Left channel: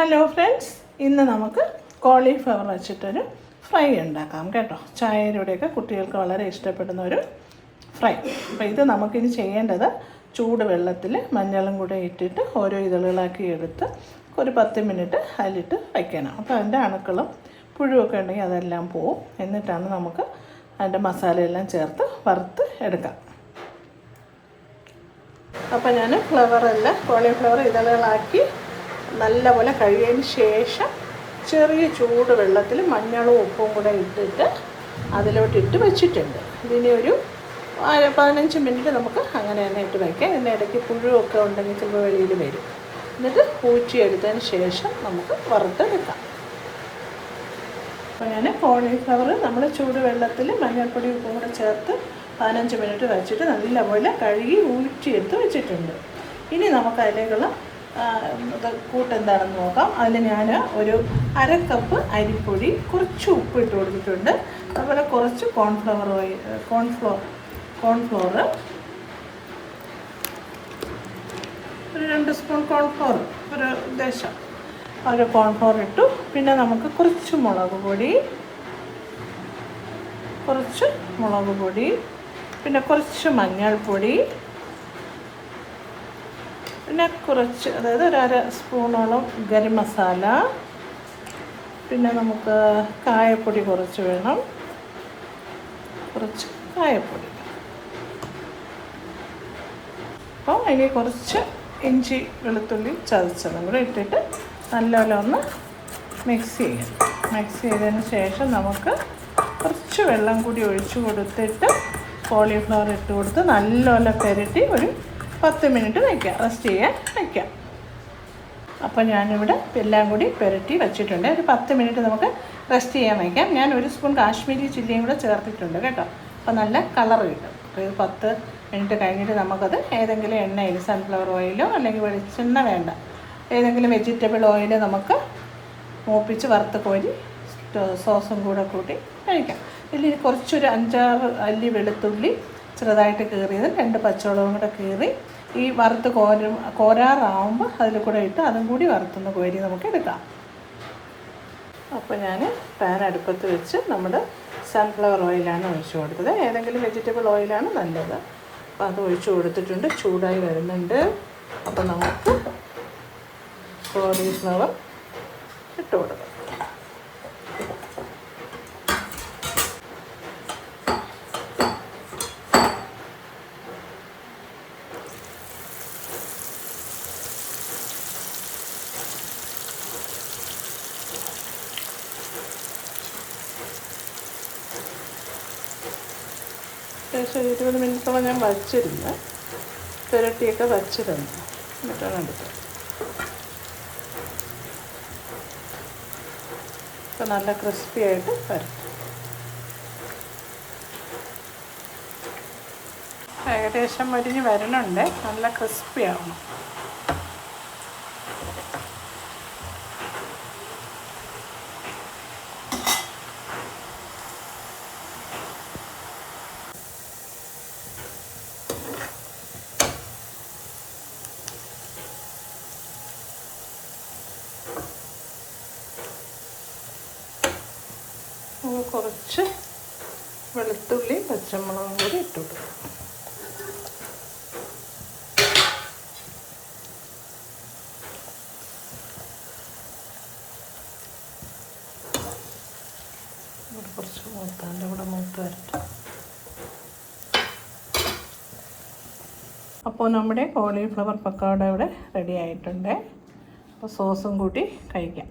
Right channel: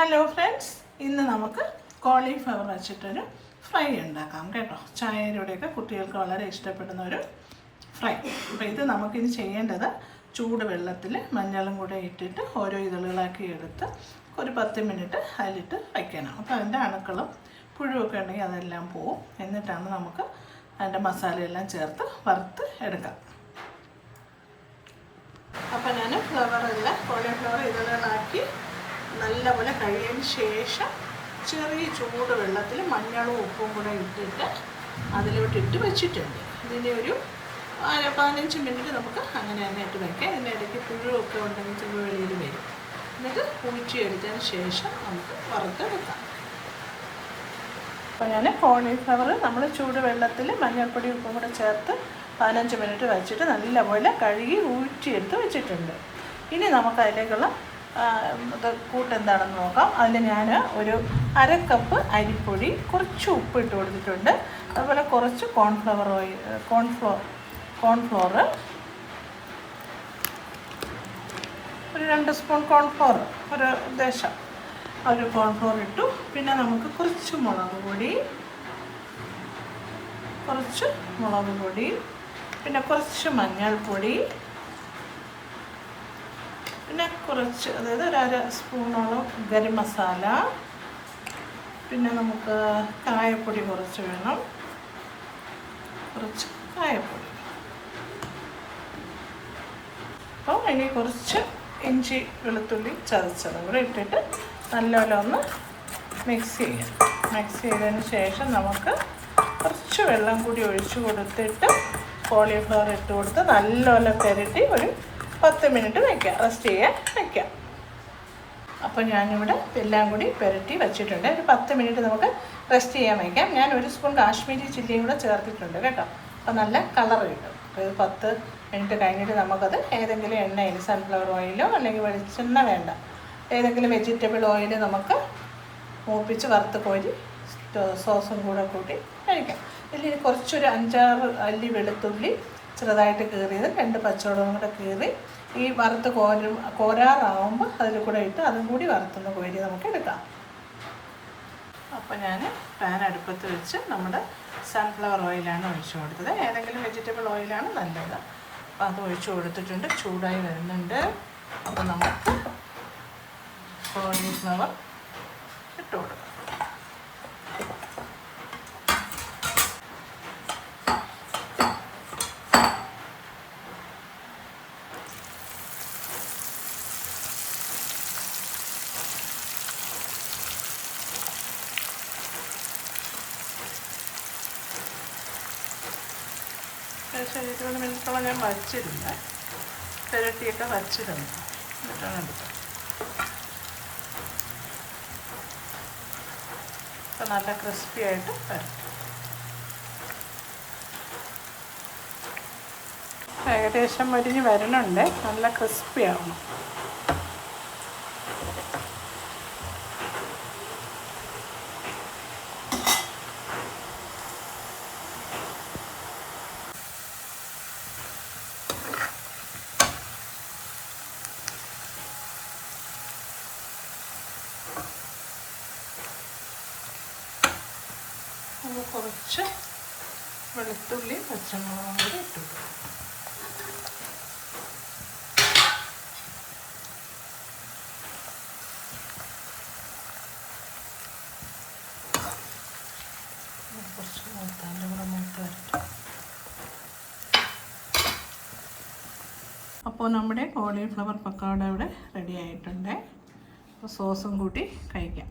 Hello friends, ഇന്ന് നമുക്ക് cauliflower വെച്ചിട്ടൊരു ഫ്രൈ ഉണ്ടാക്കാം കേട്ടോ. ചായയിലൂടെയൊക്കെ കുട്ടികൾക്ക് വളരെ ഇഷ്ടപ്പെടുന്ന ഒരു ഫ്രൈ. അപ്പോൾ ഇത് നമുക്കിനി ചെയ്യേണ്ടത് ചൂട് വെള്ളത്തിൽ മഞ്ഞളും കൂടെ ഇട്ടിട്ട് ഓരോ ഇതളുകളാക്കി എടുത്ത് ഒരു 10 മിനിറ്റ് അതിലിട്ട് വയ്ക്കണം. അപ്പോൾ അതിൻ്റെ അണുക്കളും പുഴുവൊക്കെ ഉണ്ടെങ്കിൽ അതെല്ലാം പോവും. എന്നിട്ടാണ് നമുക്ക് അതിൻ്റെ മസാലയെല്ലാം ചേർത്ത് വറുത്ത് എടുക്കാം. അപ്പോൾ ഞാൻ കോളിഫ്ലവർ ഇതളുകളാക്കി നല്ലപോലെ കഴുകിയതിന് ശേഷം ചെറിയ ചൂട് വെള്ളത്തിൽ മഞ്ഞളും ഉപ്പും കൂടെ ഇട്ടിട്ട് അതിലോട്ടിട്ട് വെച്ചിട്ടുണ്ട്. ഇതിനെ ഒരു 15 മിനിറ്റ് നമുക്ക് അങ്ങനെ തന്നെ ഇട്ട് വയ്ക്കാം. ഇതിൻ്റെ ഇടയ്ക്ക് പുഴുവൊക്കെ ഉണ്ടെങ്കിൽ ചിലപ്പോൾ വെളിയിൽ വരും. എന്നിട്ട് ഊറ്റിയെടുത്തതിന് ശേഷം നമുക്ക് വറുത്തെടുക്കാം. അപ്പോൾ ഞാൻ കോളിഫ്ലവർ നമ്മൾ ചൂട് വെള്ളത്തിൽ മഞ്ഞൾപ്പൊടി ഉപ്പും കൂടെ ചേർത്ത് 15 മിനിറ്റ് വെച്ചിട്ട് നല്ലപോലെ കഴുകി ഊറ്റിയെടുത്ത് വെച്ചിട്ടുണ്ട്. ഇനി നമുക്ക് അതിലേക്കുള്ള കൂട്ടെന്താണെന്ന് നോക്കാം. അതിൽ ഞാൻ ഒരു 1/2 കപ്പ് അരിപ്പൊടി, കുറച്ച് ഉപ്പ് ഇട്ട് കൊടുത്തിട്ടുണ്ട്. അതുപോലെ കുറച്ച് കോൺഫ്ലോർ ഒരു 2 സ്പൂൺ കോൺഫ്ലോർ, ഒരു ദേശം ഒരു കോൺഫ്ലോർ ഇട്ടു. പിന്നെ നമുക്ക് കുറച്ച് മുളക് പൊടി, പിന്നെ കുറച്ച് മഞ്ഞൾപ്പൊടി, പിന്നെ കുറച്ച്, അതായത് ഒരു 1/2 സ്പൂണോളം ഗരം മസാല, പിന്നെ നമുക്ക് കായപ്പൊടി കുറച്ച് വേണം, കുറച്ച് കായപ്പൊടി. അപ്പോൾ അതിൽ കുറച്ച് ഇഞ്ചി വെളുത്തുള്ളി ചതച്ചതും കൂടെ ഇട്ടിട്ട് നല്ലപോലെ ഒന്ന് മിക്സ് ചെയ്തതിന് ശേഷം നമുക്ക് കുറച്ച് വെള്ളം കൂടി ഒഴിച്ച് കൊടുത്തിട്ട് കോളിഫ്ലവർ ഇട്ട് കൊടുത്ത് നല്ലപോലെ പുരട്ടി ഒരു 10 മിനിറ്റ് റെസ്റ്റ് ചെയ്യാൻ വയ്ക്കാം. അപ്പോൾ ഞാനിവിടെ എല്ലാം കൂടി പുരട്ടി വെച്ചിട്ടുണ്ട്. ഒരു 10 മിനിറ്റ് നമുക്ക് റെസ്റ്റ് ചെയ്യാൻ വയ്ക്കാം. ഞാൻ 1 സ്പൂൺ കാശ്മീരി ചില്ലിയും കൂടെ ചേർത്തിട്ടുണ്ട് കേട്ടോ. അപ്പോൾ നല്ല കളർ കിട്ടും. അപ്പോൾ ഇത് 10 മിനിറ്റ് കഴിഞ്ഞിട്ട് നമുക്കത് ഏതെങ്കിലും എണ്ണയിൽ, സൺഫ്ലവർ ഓയിലോ അല്ലെങ്കിൽ വെളിച്ചെണ്ണ വേണ്ട, ഏതെങ്കിലും വെജിറ്റബിൾ ഓയിൽ നമുക്ക് മൂപ്പിച്ച് വറുത്ത് കോരി സോസും കൂടെ കൂട്ടി കഴിക്കാം. ഇതിൽ കുറച്ചൊരു 5-6 അല്ലി വെളുത്തുള്ളി ചെറുതായിട്ട് കീറിയത്, 2 പച്ചമുളകും കൂടെ കീറി ഈ വറുത്ത് കോരാറാവുമ്പോൾ അതിൽ കൂടെ ഇട്ട് അതും കൂടി വറുത്തുന്ന കോരി നമുക്ക് എടുക്കാം. അപ്പോൾ ഞാൻ പാൻ അടുപ്പത്ത് വെച്ച് നമ്മുടെ സൺഫ്ലവർ ഓയിലാണ് ഒഴിച്ചു കൊടുത്തത്. ഏതെങ്കിലും വെജിറ്റബിൾ ഓയിലാണ് നല്ലത്. അപ്പോൾ അത് ഒഴിച്ചു കൊടുത്തിട്ടുണ്ട്. ചൂടായി വരുന്നുണ്ട്. അപ്പോൾ നമുക്ക് കോളിഫ്ലവർ ഇട്ട് കൊടുക്കാം. ഏകദേശം 20 മിനിറ്റോളം ഞാൻ വച്ചിരുന്നു, പുരട്ടിയൊക്കെ വച്ചിരുന്നു. എന്നിട്ടാണ് എടുത്തത്. അപ്പോൾ നല്ല ക്രിസ്പി ആയിട്ട് വരും. ഏകദേശം മരിഞ്ഞ് വരണുണ്ട്. നല്ല ക്രിസ്പി ആവണം. കുറച്ച് വെളുത്തുള്ളി പച്ചമുളകും കൂടി ഇട്ടു. കുറച്ച് മൂത്താൻ്റെ കൂടെ മൂത്ത് വരട്ടെ. അപ്പോൾ നമ്മുടെ കോളിഫ്ലവർ പക്കോട ഇവിടെ റെഡി ആയിട്ടുണ്ട്. അപ്പോൾ സോസും കൂട്ടി കഴിക്കാം.